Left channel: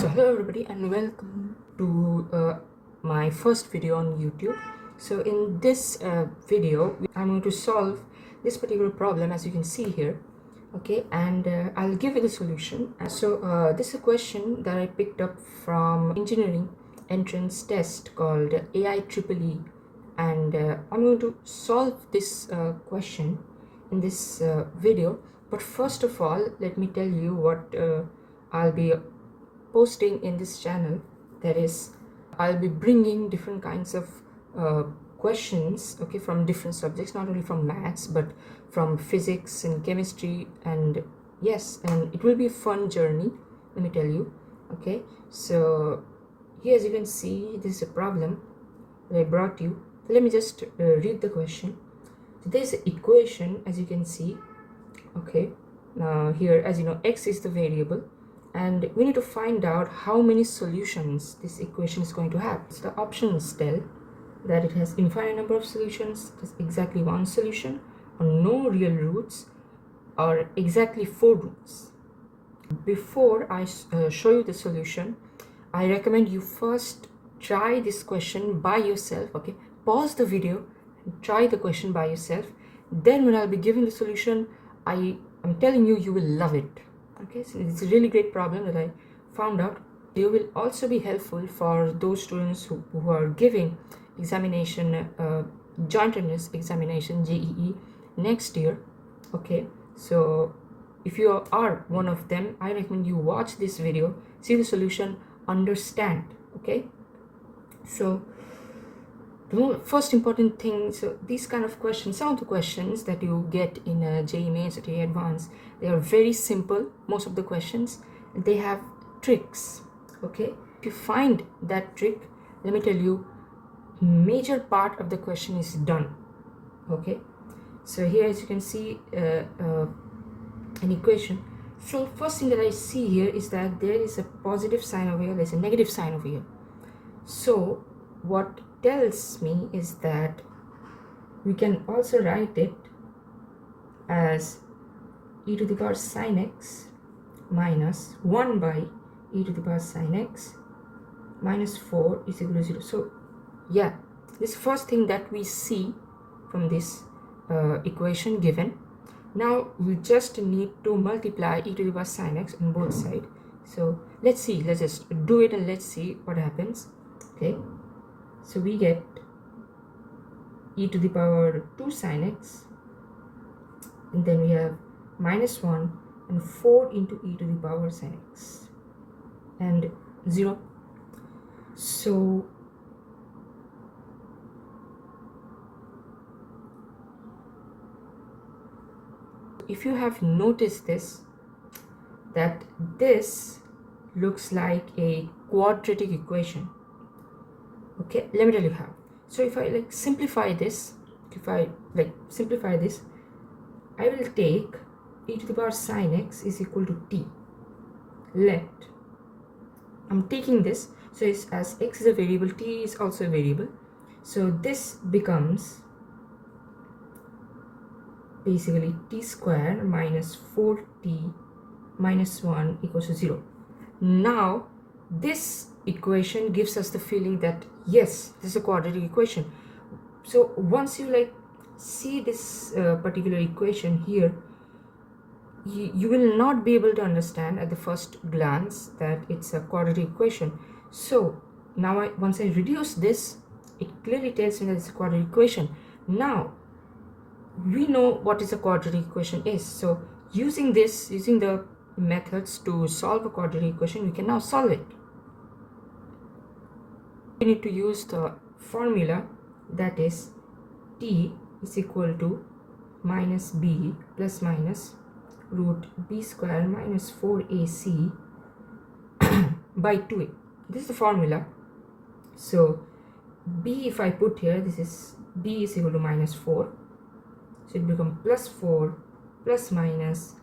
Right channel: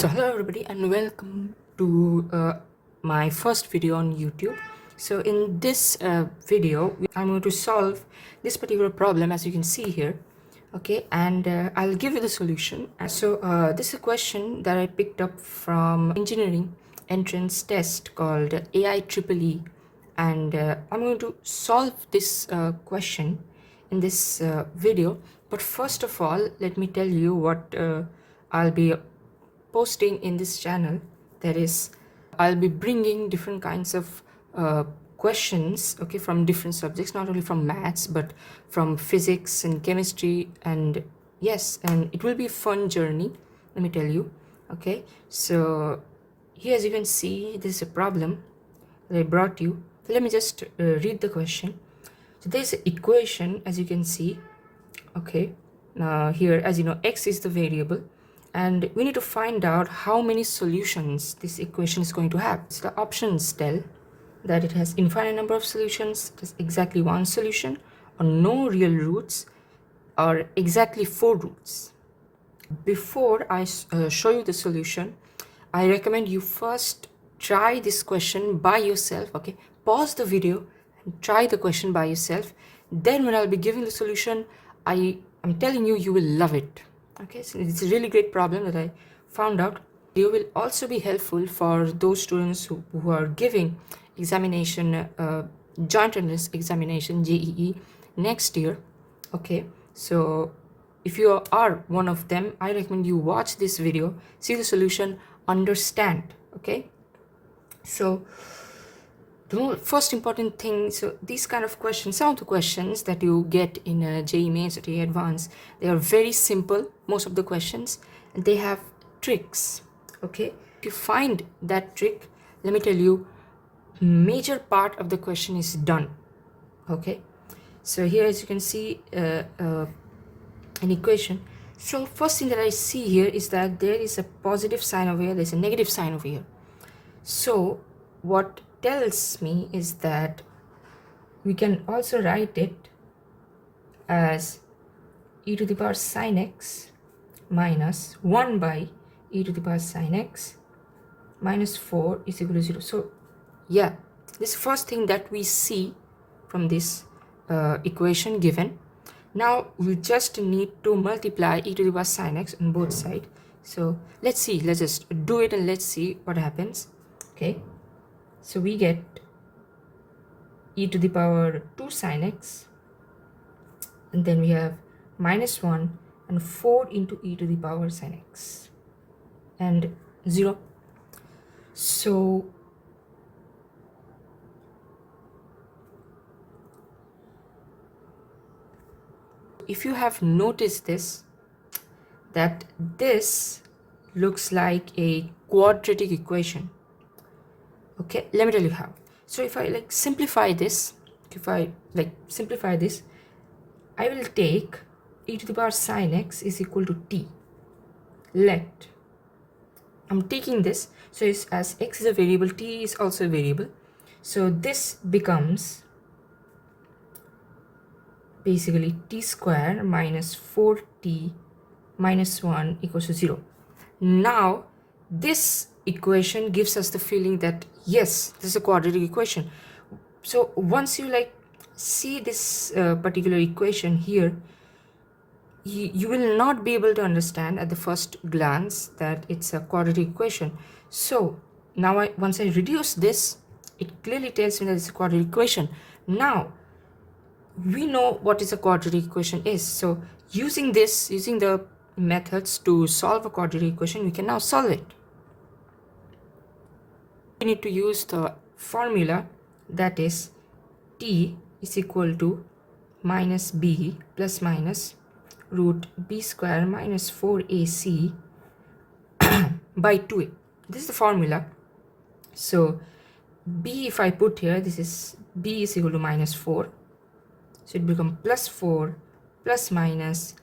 So hello everybody and welcome to my first video on YouTube. So in this video I'm going to solve this particular problem, as you can see here. Okay, and I'll give you the solution. So this is a question that I picked up from engineering entrance test called AIEEE, and I'm going to solve this question in this video. But first of all, let me tell you what I'll be posting in this channel. That is, I'll be bringing different kinds of questions, okay, from different subjects, not only from maths but from physics and chemistry, and yes, and it will be a fun journey, let me tell you. Okay, so here, as you can see, this is a problem that I brought you. So let me just read the question. So there's an equation, as you can see. Okay, now here, as you know, x is the variable, and we need to find out how many solutions this equation is going to have. So the options tell that it has infinite number of solutions, it has exactly one solution, or no real roots, or exactly 4 roots. Before I show you the solution, I recommend you first try this question by yourself. Okay, pause the video and try the question by yourself. Then when I'll be giving the solution, I'm telling you, you will love it. Okay, so it's a really great problem that I found out. It will also be helpful for those students who are giving examination, joint entrance examination, JEE, next year. Okay, so if you are one of them, I recommend you watch this video, see the solution, understand. Okay, so the first important thing, so these kind of questions, some of the questions that you get in JEE Mains or JEE Advanced, they are very simple, most of the questions, and they have tricks. Okay, to find that trick, let me tell you, major part of the question is done. Okay, so here, as you can see, an equation. So first thing that I see here is that there is a positive sign over here, there's a negative sign over here. So what tells me is that we can also write it as e to the power sine x minus 1 by e to the power sine x minus 4 is equal to 0. So yeah, this first thing that we see from this equation given. Now we just need to multiply e to the power sine x on both sides. So let's see, let's just do it and let's see what happens. Okay, so we get e to the power 2 sine x, and then we have minus 1 and 4 into e to the power sine x and 0. So if you have noticed this, that this looks like a quadratic equation. Okay, let me tell you how. So if I simplify this, I will take e to the power sine x is equal to t. Let, I'm taking this, so it's, as x is a variable, t is also a variable, so this becomes basically t square minus 4t minus 1 equals to 0. Now this equation gives us the feeling that yes, this is a quadratic equation. So once you see this particular equation here, you will not be able to understand at the first glance that it's a quadratic equation. So now once I reduce this, it clearly tells me that it's a quadratic equation. Now we know what is a quadratic equation is. So using the methods to solve a quadratic equation, we can now solve it. We need to use the formula, that is t is equal to minus b plus minus root b square minus 4ac by 2a. This is the formula. So b, if I put here, this is b is equal to minus 4, so it becomes plus 4 plus minus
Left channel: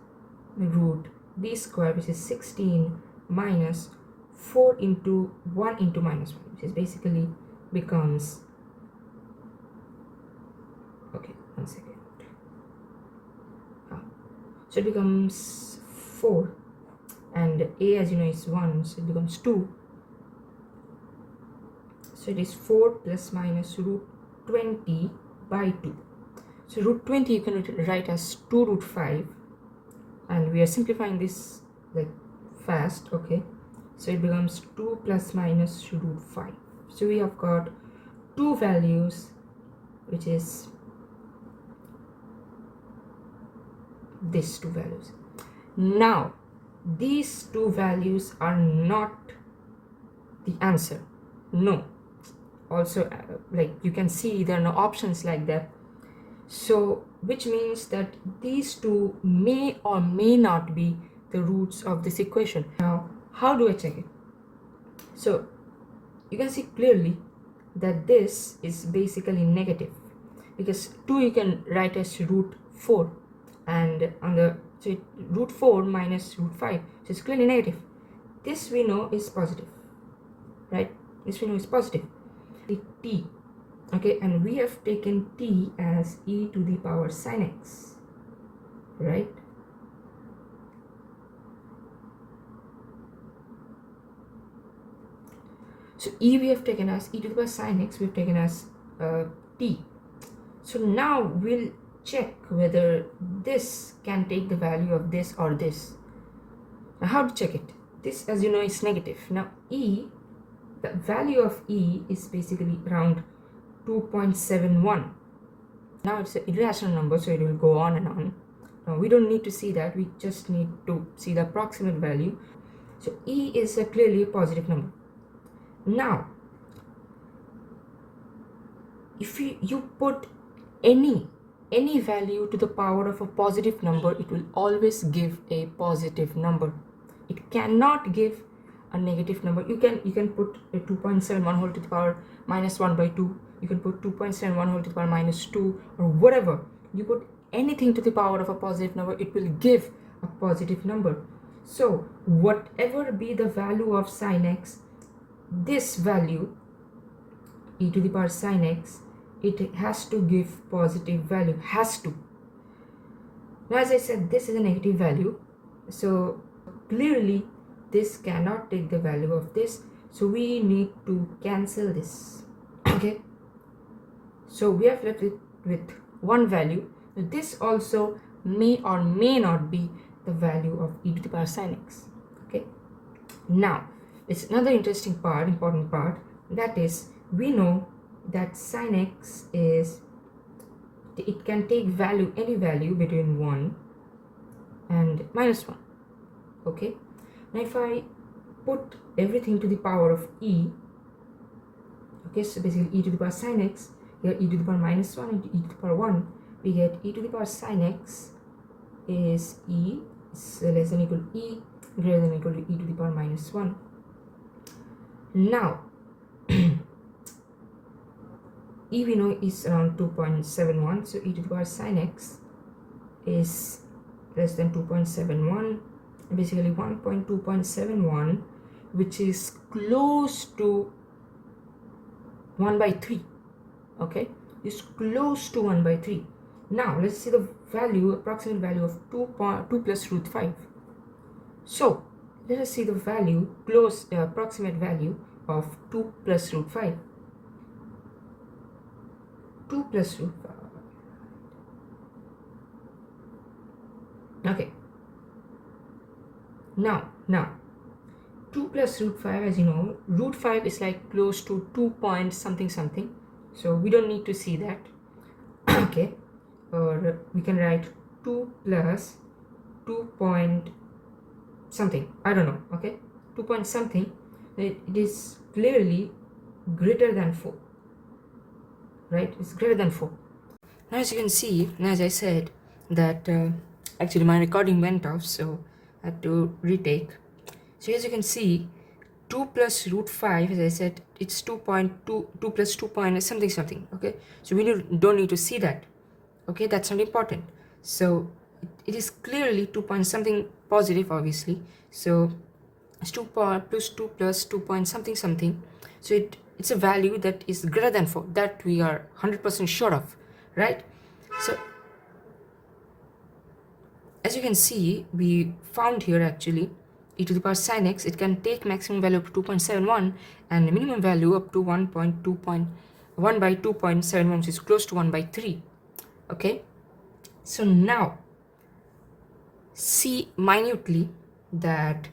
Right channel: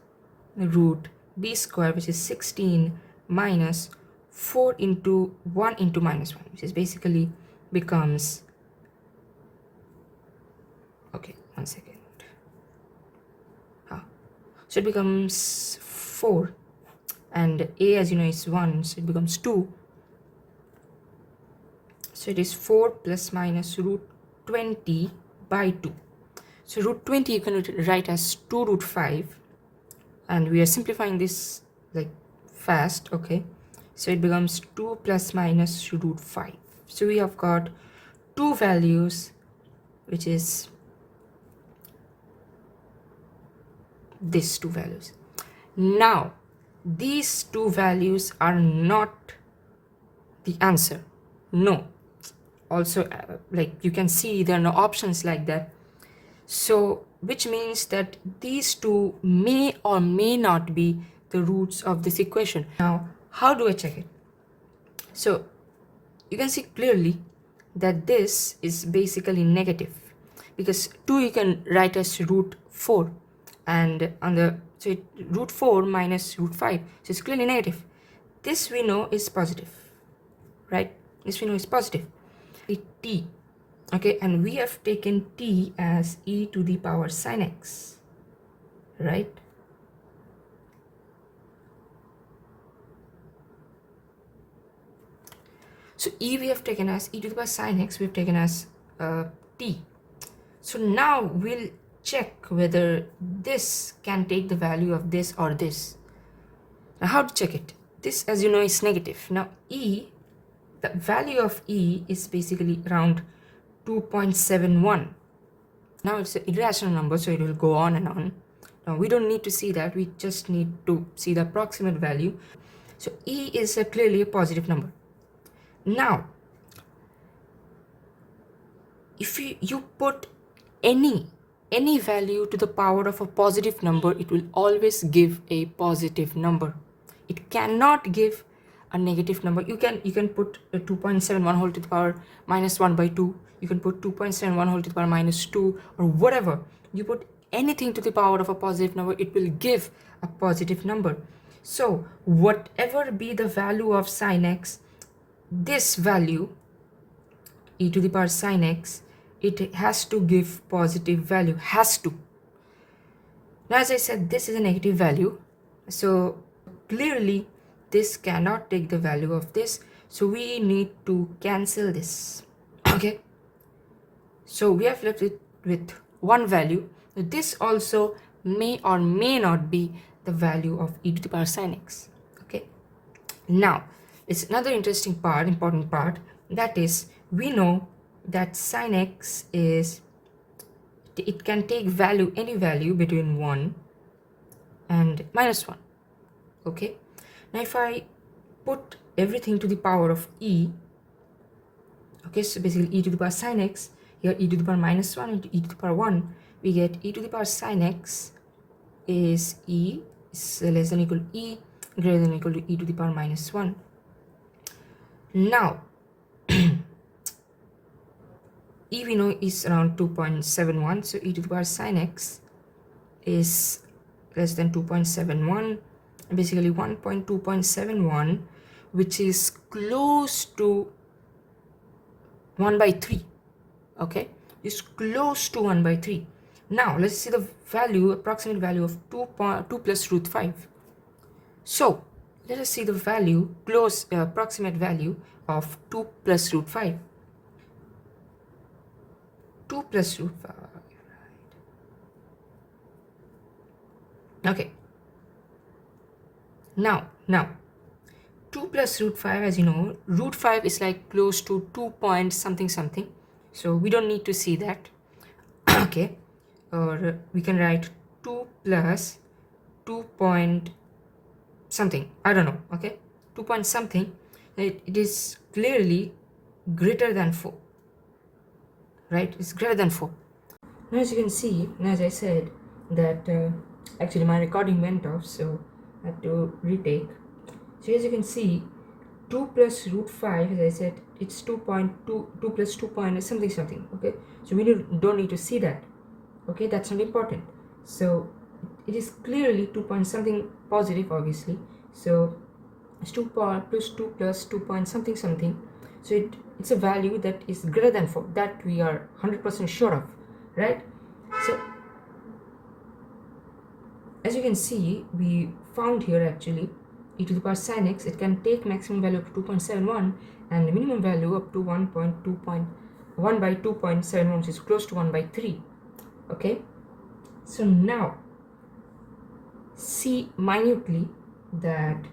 root b square, which is 16, minus 4 into 1 into minus 1, which is basically becomes, okay, 1 second. So it becomes 4, and a, as you know, is 1, so it becomes 2. So it is 4 plus minus root 20 by 2. So root 20 you can write as 2 root 5, and we are simplifying this like fast, okay? So it becomes 2 plus minus root 5. So we have got two values, which is these two values. Now these two values are not the answer, no. Also like you can see there are no options like that, so which means that these two may or may not be the roots of this equation. Now how do I check it? So you can see clearly that this is basically negative, because 2 you can write as root 4, and on the root 4 minus root 5, so it's clearly negative. This we know is positive, right? This we know is positive. The t, okay, and we have taken t as e to the power sin x, right? So e we have taken as e to the power sin x, we have taken as t. So now we'll check whether this can take the value of this or this. Now how to check it? This, as you know, is negative. Now e, the value of e is basically around 2.71. Now it's an irrational number, so it will go on and on. Now we don't need to see that, we just need to see the approximate value. So e is clearly a positive number. Now if you put any value to the power of a positive number, it will always give a positive number. It cannot give a negative number. You can put a 2.71 whole to the power minus 1 by 2. You can put 2.71 whole to the power minus 2, or whatever. You put anything to the power of a positive number, it will give a positive number. So whatever be the value of sin x, this value e to the power sin x, it has to give positive value, has to. Now as I said, this is a negative value, so clearly this cannot take the value of this, so we need to cancel this, okay? So we have left it with one value. This also may or may not be the value of e to the power sin x, okay? Now it's another interesting part, important part, that is, we know that sin x is, it can take value, any value between 1 and minus 1, okay? Now if I put everything to the power of e, okay, so basically e to the power sin x, here e to the power minus 1 into e to the power 1, we get e to the power sin x is e is less than equal to e, greater than equal to e to the power minus 1. Now e we know is around 2.71, so e to the power sin x is less than 2.71, basically 1.2.71, which is close to 1 by 3, okay? It's close to 1 by 3. Now let's see the value, approximate value of 2 plus root 5. So let us see the value, approximate value of 2 plus root 5. 2 plus root 5. Okay. Now 2 plus root 5, as you know, root 5 is like close to 2 point something something, so we don't need to see that. Okay, or we can write 2 plus 2 point something, I don't know, okay, 2 point something. It is clearly greater than 4, right? It's greater than 4. Now as you can see, and as I said that actually my recording went off, so I had to retake. So as you can see, 2 plus root 5, as I said, it's 2.2, 2 plus 2 point something something, okay? So we don't need to see that, okay? That's not important. So it is clearly 2 point something positive, obviously. So it's 2 plus 2 plus 2 point something something. So it's a value that is greater than 4, that we are 100% sure of, right? So as you can see, we found here actually e to the power sin x, it can take maximum value up to 2.71 and the minimum value up to 1 by 2.71, which is close to 1 by 3. Okay, so now see minutely that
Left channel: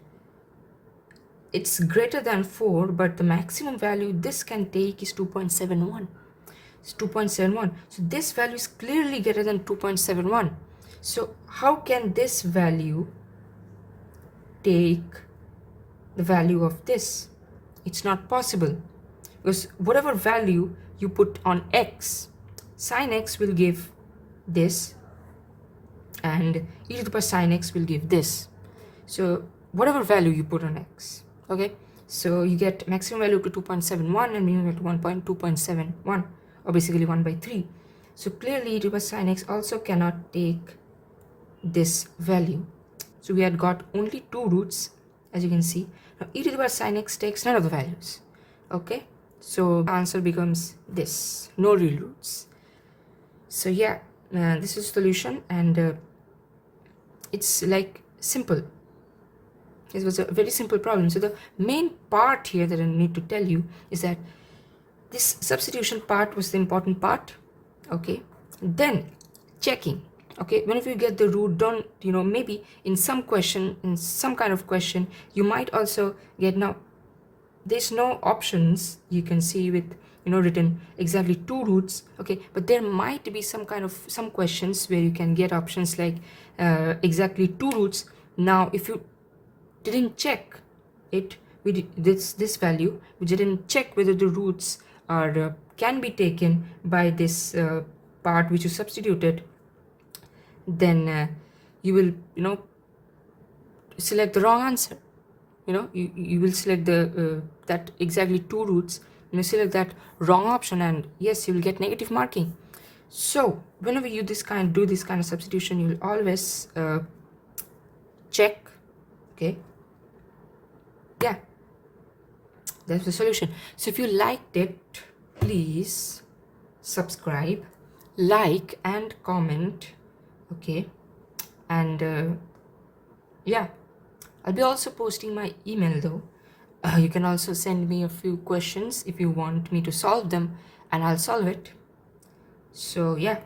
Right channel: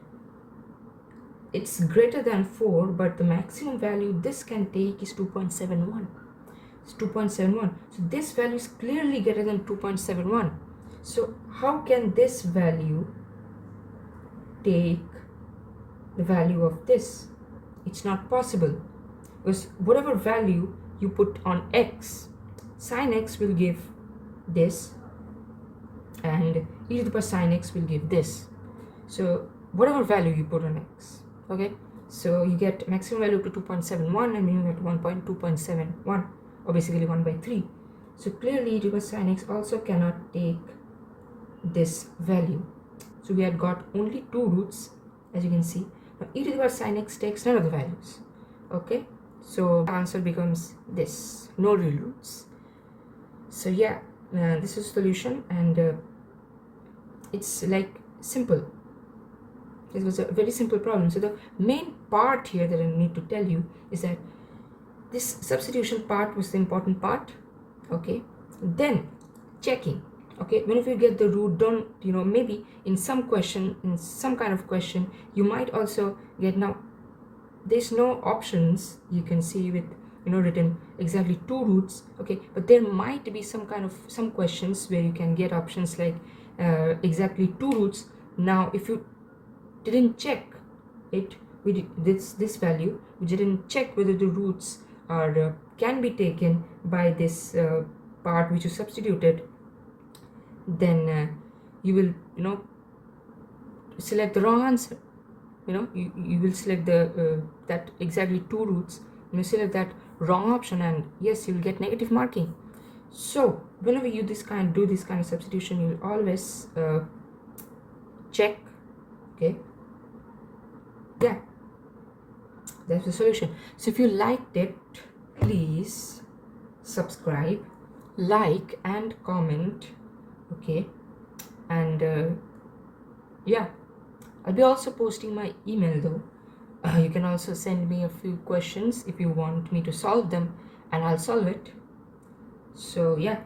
it's greater than 4, but the maximum value this can take is 2.71. It's 2.71. So this value is clearly greater than 2.71. So how can this value take the value of this? It's not possible, because whatever value you put on x, sin x will give this and e to the power sin x will give this. So whatever value you put on x, okay, so you get maximum value to 2.71 and minimum value to 2.71, or basically 1 by 3. So clearly e to the power sin x also cannot take this value. So we had got only two roots, as you can see. Now e to the power sin x takes none of the values. Okay, so the answer becomes this, no real roots. So yeah, this is solution, and it's like simple. It was a very simple problem. So the main part here that I need to tell you is that this substitution part was the important part. Okay, then checking. Okay, whenever you get the root, don't, maybe in some question, in some kind of question, you might also get, now there's no options you can see with written exactly two roots. Okay, but there might be some questions where you can get options like exactly two roots. Now if you didn't check it with this value, we didn't check whether the roots are can be taken by this part which you substituted, then you will select the wrong answer. You will select the that exactly two roots, and you select that wrong option, and yes, you will get negative marking. So whenever you do this kind of substitution, you will always check. Okay, yeah, that's the solution. So if you liked it, please subscribe, like and comment. Okay, and yeah, I'll be also posting my email though. You can also send me a few questions if you want me to solve them, and I'll solve it. So yeah.